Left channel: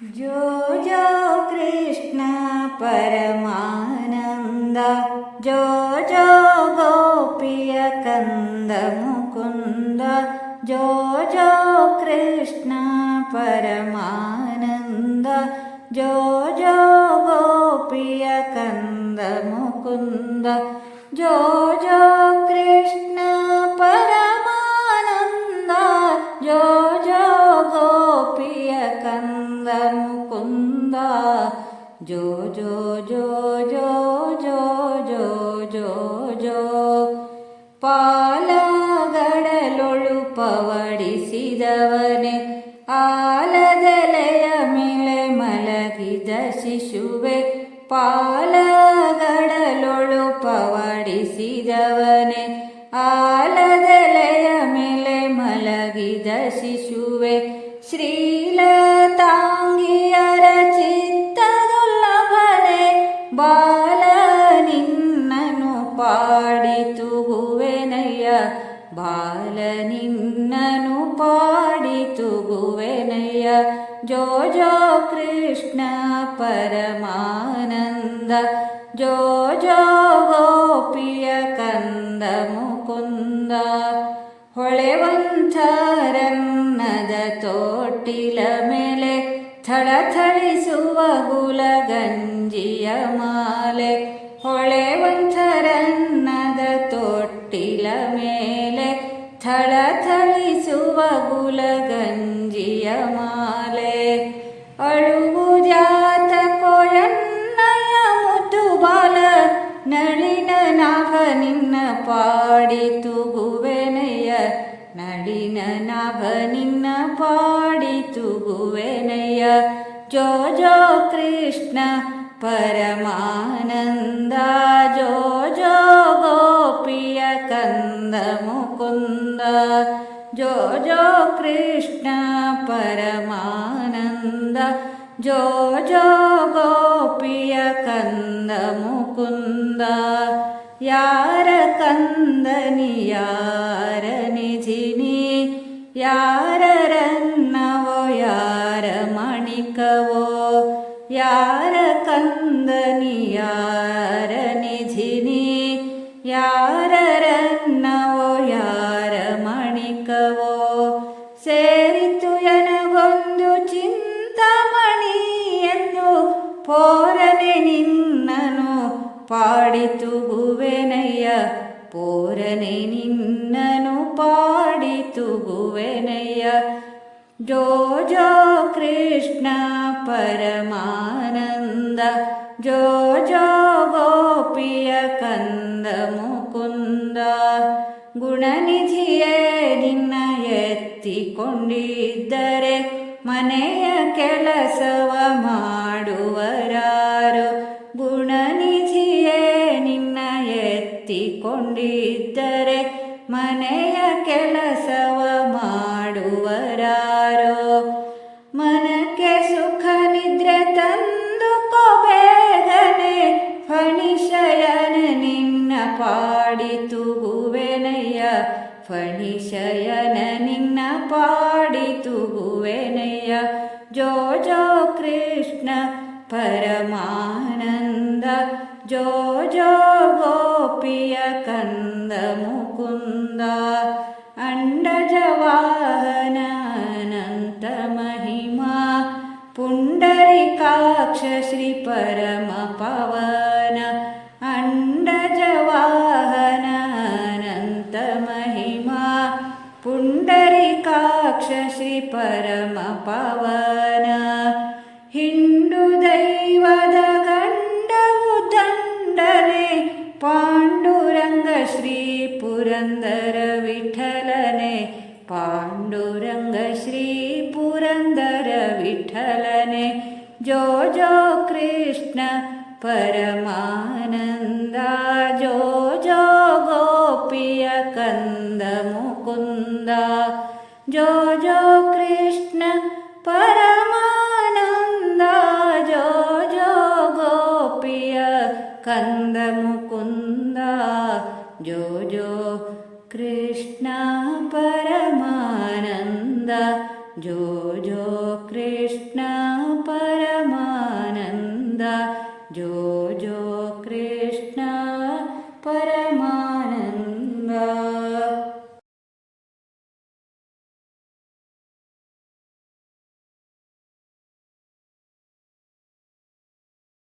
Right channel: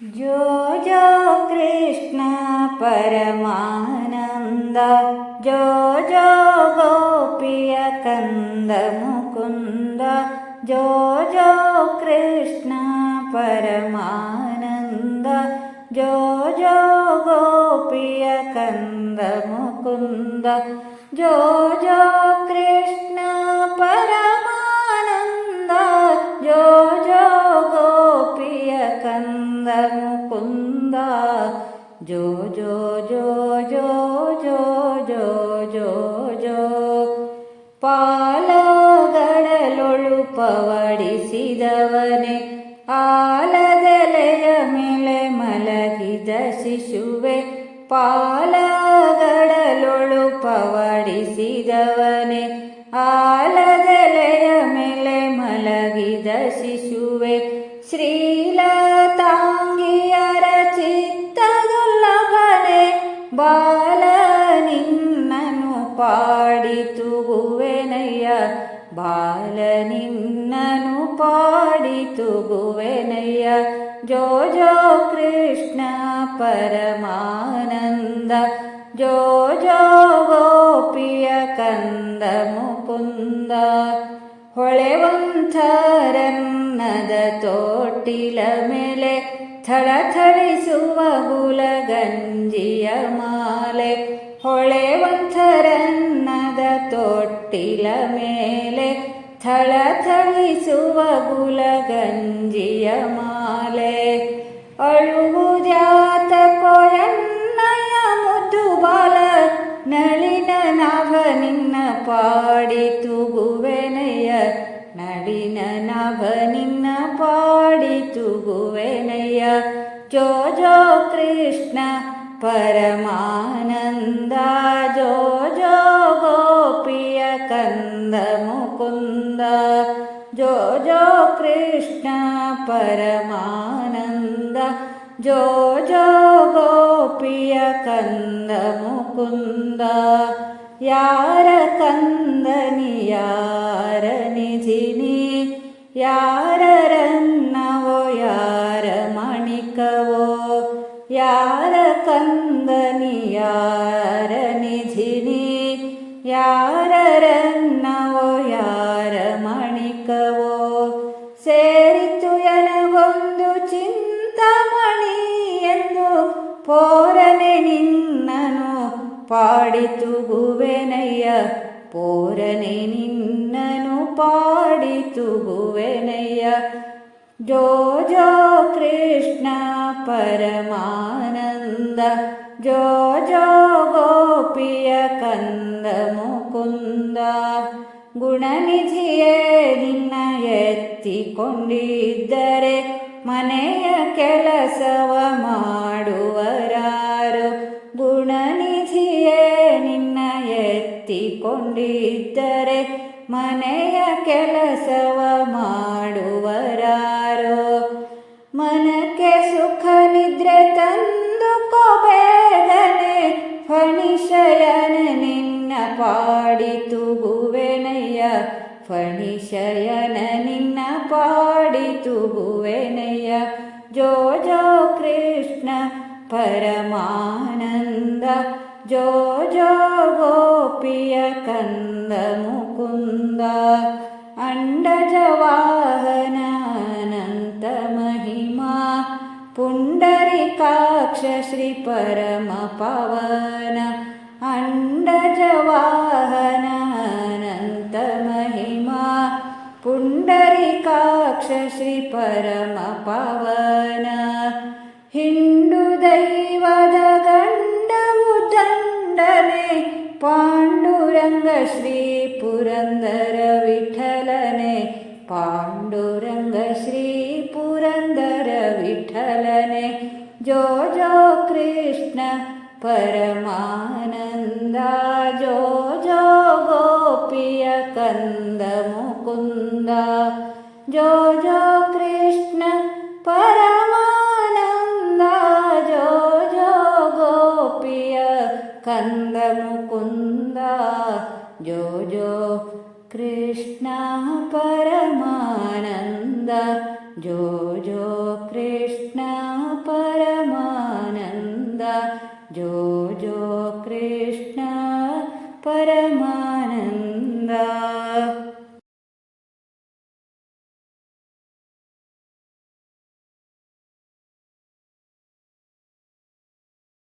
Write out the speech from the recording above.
जो जो कृष्ण परमानंद, जो जो गोपिय कंद मुकुंद, जो जो कृष्ण परमानंद, जो जो गोपिय कंद मुकुंद, जो जो कृष्ण परमानंद, जो जो गोपिय कंद मुकुंद, जो जो जो जो जो जो जो जो ಪಾಲಗಡಲೊಳು ಪವಡಿಸಿದವನೇ, ಆಲದೆಲೆಯ ಮೇಲೆ ಮಲಗಿದ ಶಿಶುವೆ, ಪಾಲಗಡಲೊಳು ಪವಡಿಸಿದವನೇ, ಆಲದೆಲೆಯ ಮೇಲೆ ಮಲಗಿದ ಶಿಶುವೆ, ಶ್ರೀಲತಾಂಗಿಯರ ಚಿತ್ತದುಲ್ಲಭನೆ, ಬಾಲ ನಿನ್ನನು ಪಾಡಿ ತೂಗುವೆನಯ್ಯ, ಬಾಲ ನಿನ್ನನು ಪಾಡಿ ತೂಗುವೆನಯ್ಯ. ಜೋ ಜೋ ಕೃಷ್ಣ ಪರಮಾನಂದ, ಜೋ ಜೋ ಗೋಪಿಯ ಕಂದ ಮುಕುಂದ, ಹೊಳೆವಂಥರನ್ನದ ತೋಟಿಲ ಮೇಲೆ ಥಳಥಳಿಸುವ ಹುಲಗಂಜಿಯ ಮಾಲೆ, ಹೊಳೆವಂಥರನ್ನದ ತೊಟ್ಟಿಲ ಮೇಲೆ ಥಳಥಳಿಸುವ ಗುಲಗಂಜಿಯ ಮಾಲೆ, ಅಳುವುದ್ಯಾತ ಕೊಯನ್ನಯ ಮುದ್ದು ಬಾಲ, ನಳಿನ ನಾಭ ನಿನ್ನ ಪಾಡಿ ತೂಗುವೆನಯ್ಯ, ನಳಿನ ನಾಭ ನಿನ್ನ ಪಾಡಿ ತೂಗುವೆನಯ್ಯ. ಜೋ ಜೋ ಕೃಷ್ಣ ಪರಮಾನಂದ, ಜೋ ಜೋ ಗೋಪಿಯ ಕಂದ ಮುಕುಂದ, ಜೋ ಜೋ ಕೃಷ್ಣ ಪರಮಾನಂದ, ಜೋ ಜೋ ಗೋಪಿಯ ಕಂದ ಮುಕುಂದ. ಯಾರ ಕಂದನಿ ಯಾರ ನಿಧಿನಿ, ಯಾರ ರನ್ನವೋ ಯಾರ ಮಣಿಕವೋ, ಯಾರ ಕಂದನಿ ಯಾರ ನಿಧಿನಿ, ಯಾರ ರನ್ನವೋ ಯಾರ ಮಣಿಕವೋ, ಸೇರಿತು ಎನಗೊಂದು ಚಿಂತಾಮಣಿ ಎಂದು, ಪೋರನೆ ನಿನ್ನನು ಪಾಡಿ ತೂಗುವೆನಯ್ಯ, ಪೋರನೆ ನಿನ್ನನು ಪಾಡಿ ತೂಗುವೆನಯ್ಯ. ಜೋ ಜೋ ಕೃಷ್ಣ ಪರಮಾನಂದ, ಜೋ ಜೋ ಗೋಪಿಯ ಕಂದ ಮುಕುಂದ, ಗುಣನಿಧಿಯೇ ನಿನ್ನ ಎತ್ತಿಕೊಂಡಿದ್ದರೆ ಮನೆಯ ಕೆಲಸವ ಮಾಡುವರಾರು, ಗುಣನಿಧಿಯೇ ನಿನ್ನ ಎತ್ತಿಕೊಂಡಿದ್ದರೆ ಮನೆಯ ಕೆಲಸವ ಮಾಡುವರಾರೋ, ಮನಕ್ಕೆ ಸುಖ ನಿದ್ರೆ ತಂದುಕೋ ಬೇಗನೆ, ಫಣಿಶಯನ ನಿನ್ನ ಪಾಡಿ ತೂಗುವೆನಯ್ಯ, ಫಣಿಶಯನ ನಿನ್ನ ಪಾಡಿ ತೂಗುವೆನಯ್ಯ. ಜೋ ಜೋ ಕೃಷ್ಣ ಪರಮಾನಂದ, ಜೋ ಜೋ ಗೋಪಿಯ ಕಂದ ಮುಕುಂದ, ಅಂಡಜವಾಹನ ಅನಂತ ಮಹಿಮಾ, ಪುಂಡರಿಕಾಕ್ಷ ಶ್ರೀ ಪರಮ ಪವನ, ಅಂಡಜವಾಹನ ಅನಂತ ಮಹಿಮಾ, ಪುಂಡರಿಕಾಕ್ಷ ಶ್ರೀ ಪರಮ ಪವನ, ಹಿಂಡು ದೈವದ ಗಂಡವು ದಂಡನೆ, ಪಾಂಡುರಂಗ ಶ್ರೀ ಪುರಂದರ ವಿಠಲನೆ, ಪಾಂಡುರಂಗ ಶ್ರೀ ಪುರಂದರ ವಿಠಲನೆ. ಜೋ ಜೋ ಕೃಷ್ಣ ಪರಮಾನಂದ, ಜೋ ಜೋ ಗೋಪಿಯ ಕಂದ ಮುಕುಂದ, ಜೋ ಜೋ ಕೃಷ್ಣ ಪರಮಾನಂದ, ಜೋ ಜೋ ಗೋಪಿಯ ಕಂದ ಮುಕುಂದ, ಜೋ ಜೋ ಕೃಷ್ಣ ಪರಮಾನಂದ, ಜೋ ಜೋ ಕೃಷ್ಣ ಕೃಷ್ಣ ಪರಮಾನಂದ ಜೋ ಜೋ ಕೃಷ್ಣ ಪರಮಾನಂದ